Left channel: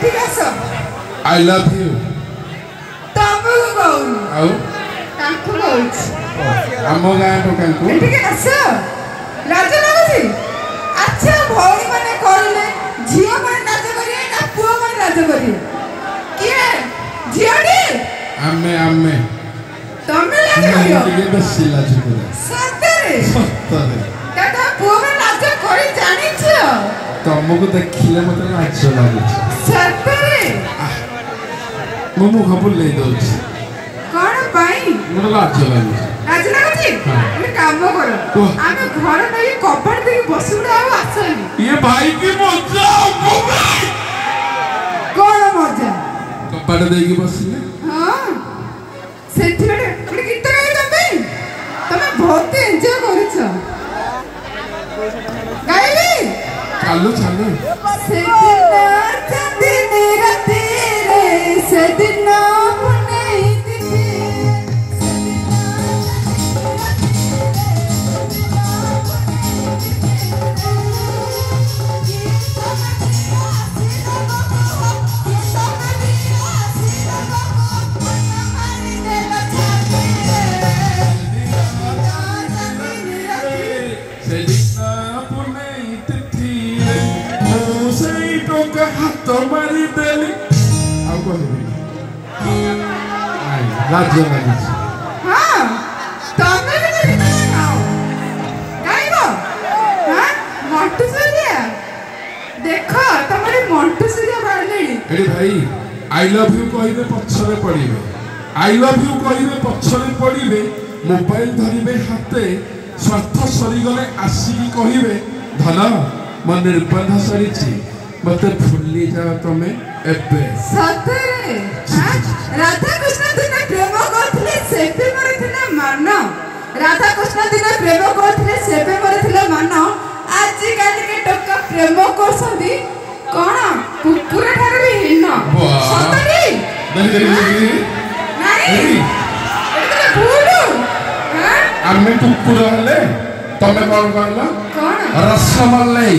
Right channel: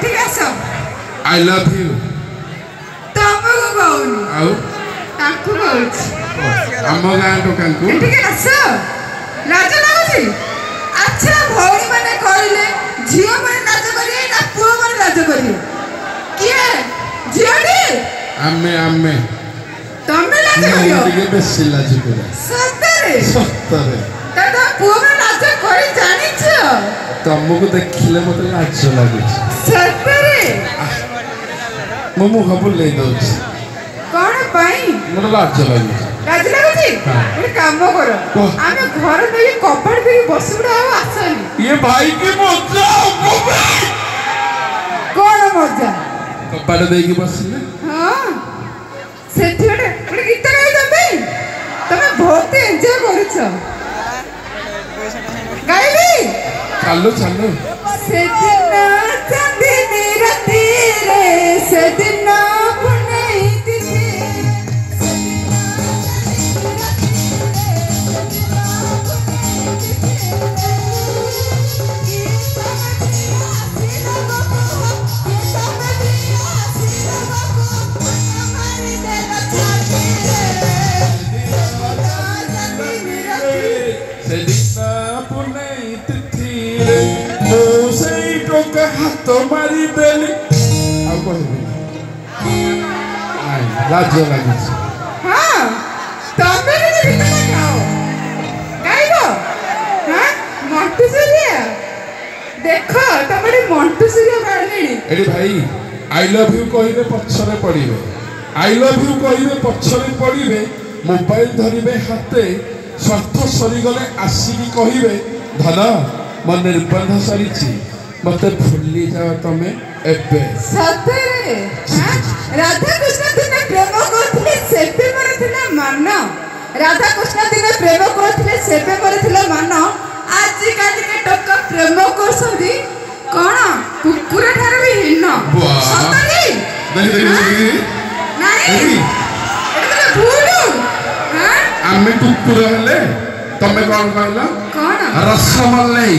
ठीक है सब I love you तमको कौन आओ तांको कौच हम गाय तो कंकु ठीक है सब लाज लागुची अच्छा भौरी माने कहले झियो माने लाज करी ना पुओ माने लाज करी किए झियोडी आमे तमे लाज करियो ये बेसी लाज करे सत्तरे दादा पुओ माने लाज करी जानि छ तुमको देखिले मते लाज लागे सत्तरे मो खबर ले दो कोन पाई मोर लाज लागे लाज लागुची ए काम करो आमे घर में कपड़ दे बसुड़ा आ आसनी ये भाई की मजा कोन मजा कपड़ दे के बसले हां सेठिडे एक गीत गाई तमे बहुत एन्जॉय करछ गाई चलो सेदिन चंदी मेरा तेरे सेदिन नहीं दिखे तुम्हारी बेली लाज लागे हां तमे के गीत गाओ गाइबो हां मोटू सूर्य देखो तमरे मोटू सूर्य बारली एडी भाई आई लव यू कहिबे पछरे पड़िबे आई लव यू कहिबे पछरे पड़िबे मोबाइल धरिबे हाथे स्वार्थ सरी गले आसीबी कहिबे धला मन निर्बंध सरीची मत भूली जाओ तमे एबे सतरे राधा कृष्ण दिन प्रेम करथिले सेपे करथिले मान राधा कृष्ण दिन प्रेम करथिले सेपे करथिले मान आज काल के टोका प्रेम करसंदी कोन कुकुर ठार भी हिन सतरे नहीं भूलू हां आमे कुकुर हेले तमे कोन कहलो कोन रसमलाई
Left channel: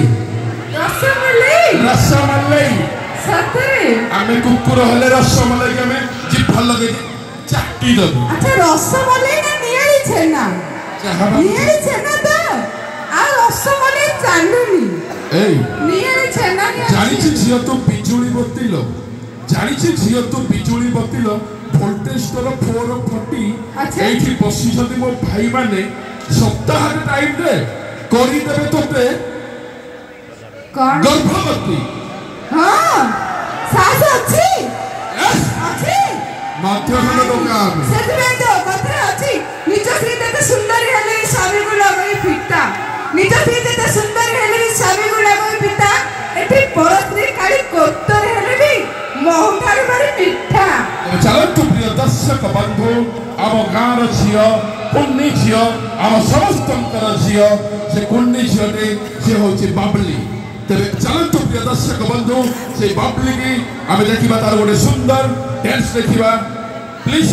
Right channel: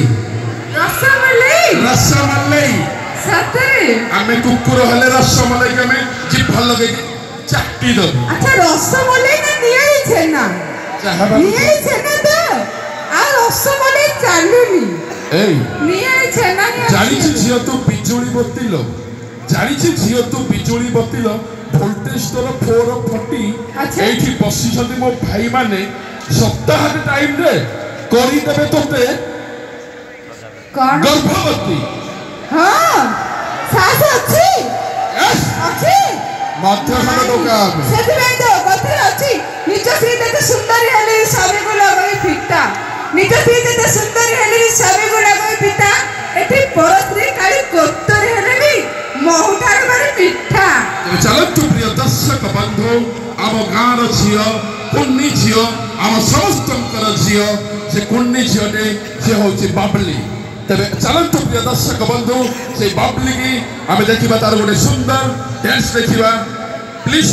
सतरे आमे कुकुर हेले रसमलाई के में जीभ भलो दे चाटी दबो अच्छा रसमलाई ना नियाई छेना नियाई छेना तो आ रसमलाई चालुनी ए नियाई छेना जानि छी झियो तू बिजुली बत्तीलो जानि छी झियो तू बिजुली बत्तीलो वोल्टेज तोर 440 एठी बसी जदी मो भाई माने सप्ताह टाइम रे करी देबे तोते गर्भवती हां सास अछि मात्र मन दोकान सेते तो बत्र अछि निज श्रीते तो सुंदर हेले साबी गुला गई पिता निज श्रीते तो सुंदर हेले साबी गुला गई पिता एठी परस्त्री काली कोत्तर हेले भी मोहठार मारे मिठा चलो तू प्रिय दर्शक बंधु आम गाँव झील कुन्नी झील आम समस्त झील से कुन्नी झीले से हूँ बाबली तेरे चलतु प्रिय दर्शक बंधु से बाबली की आम देखा तार गोटे सुंदर डांस देखा प्लीज।